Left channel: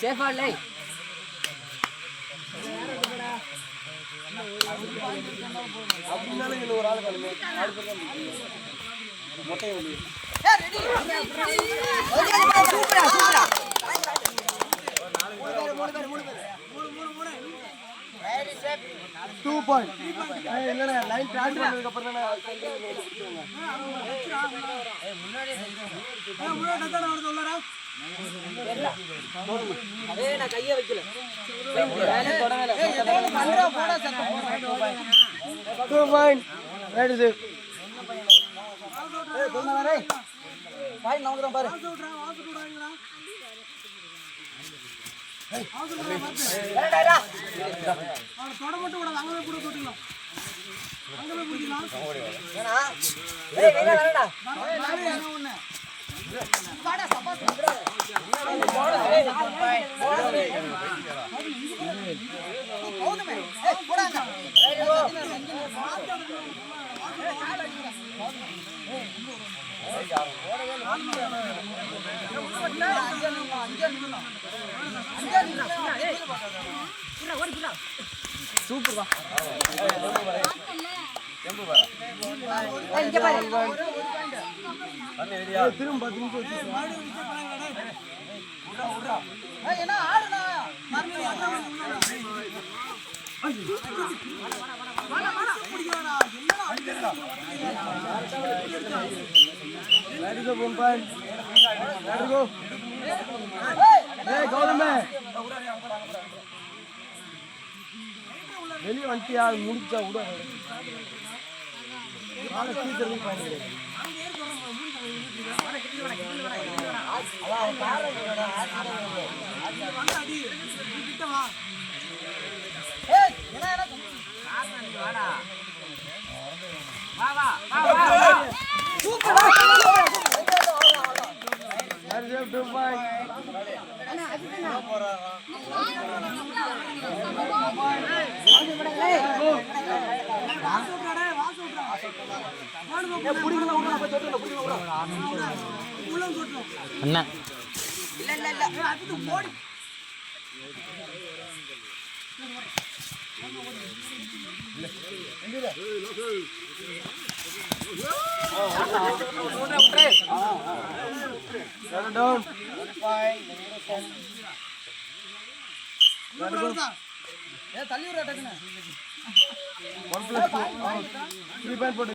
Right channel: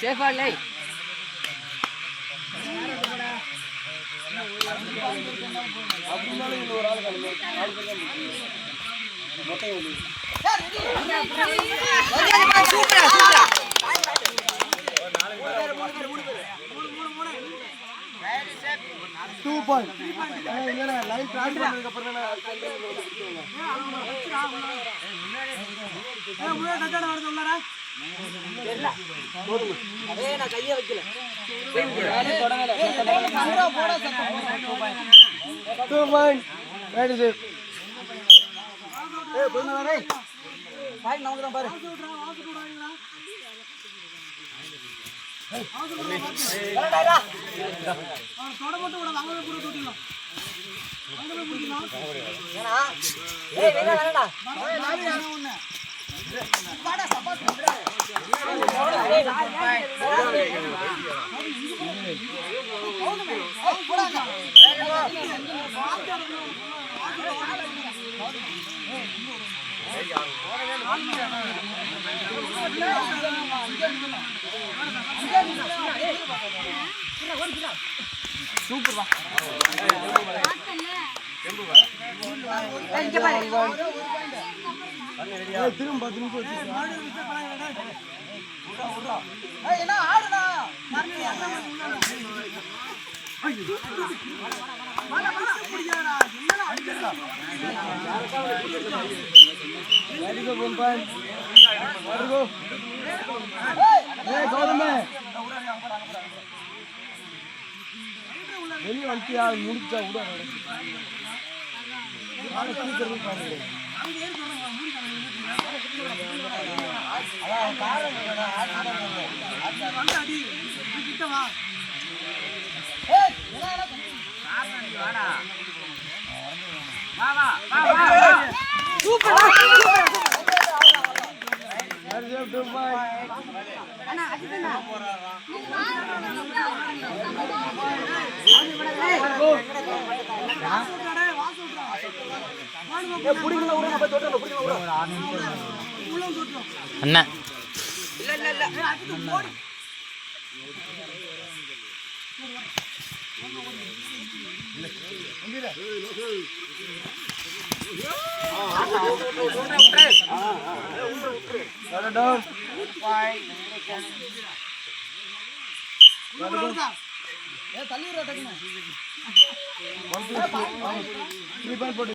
சேஃபா இல்லை அப்படின்னாலும் ஒரு ஆள் கிளம்பி மொட்டை வெளி 2 பாயிண்ட் இல்லைண்ணே லைன் கிராஸ் பண்ணதுக்கு அப்புறம் தானே கையை வைக்கல 2 பாயிண்ட் ரைட் இது பாய் நவுறோம் பாரு வரடா அவன் தொட மட்டும் கூட அங்கவே கூட தொட்டிடலாம் அங்கவே முடிக்கலாம் ஏனா ஏய் வேற வரடா வாடா சப்போர்ட் பண்றே போடுமே ஏய் போடாங்க சூப்பர் வா இங்க பாரு திரும்ப 10 நிமிஷம் மாடு விட்ட பரவாயில்லை உடா ஏய் என்ன ஆடுடா மறுபடியும் அங்க வந்து புடிங்கடா என்னடா அடிக்கடா Ready go Bumpan. Ready go. Hey Gautame. வெளிய வந்துட்டியா முடிச்சா உடா நாளை சீக்கிரம் பண்ணிடு ஏய் என்ன வாடா வா வா வா சூப்பர் Reserve 2 point. அண்ணா அடிச்சனா அண்ணா இல்ல இல்ல இல்ல அது போடு எந்திரா down 5 ஏ தள்ளி விடுடா டக்குனே 1 + 2 3 point போடு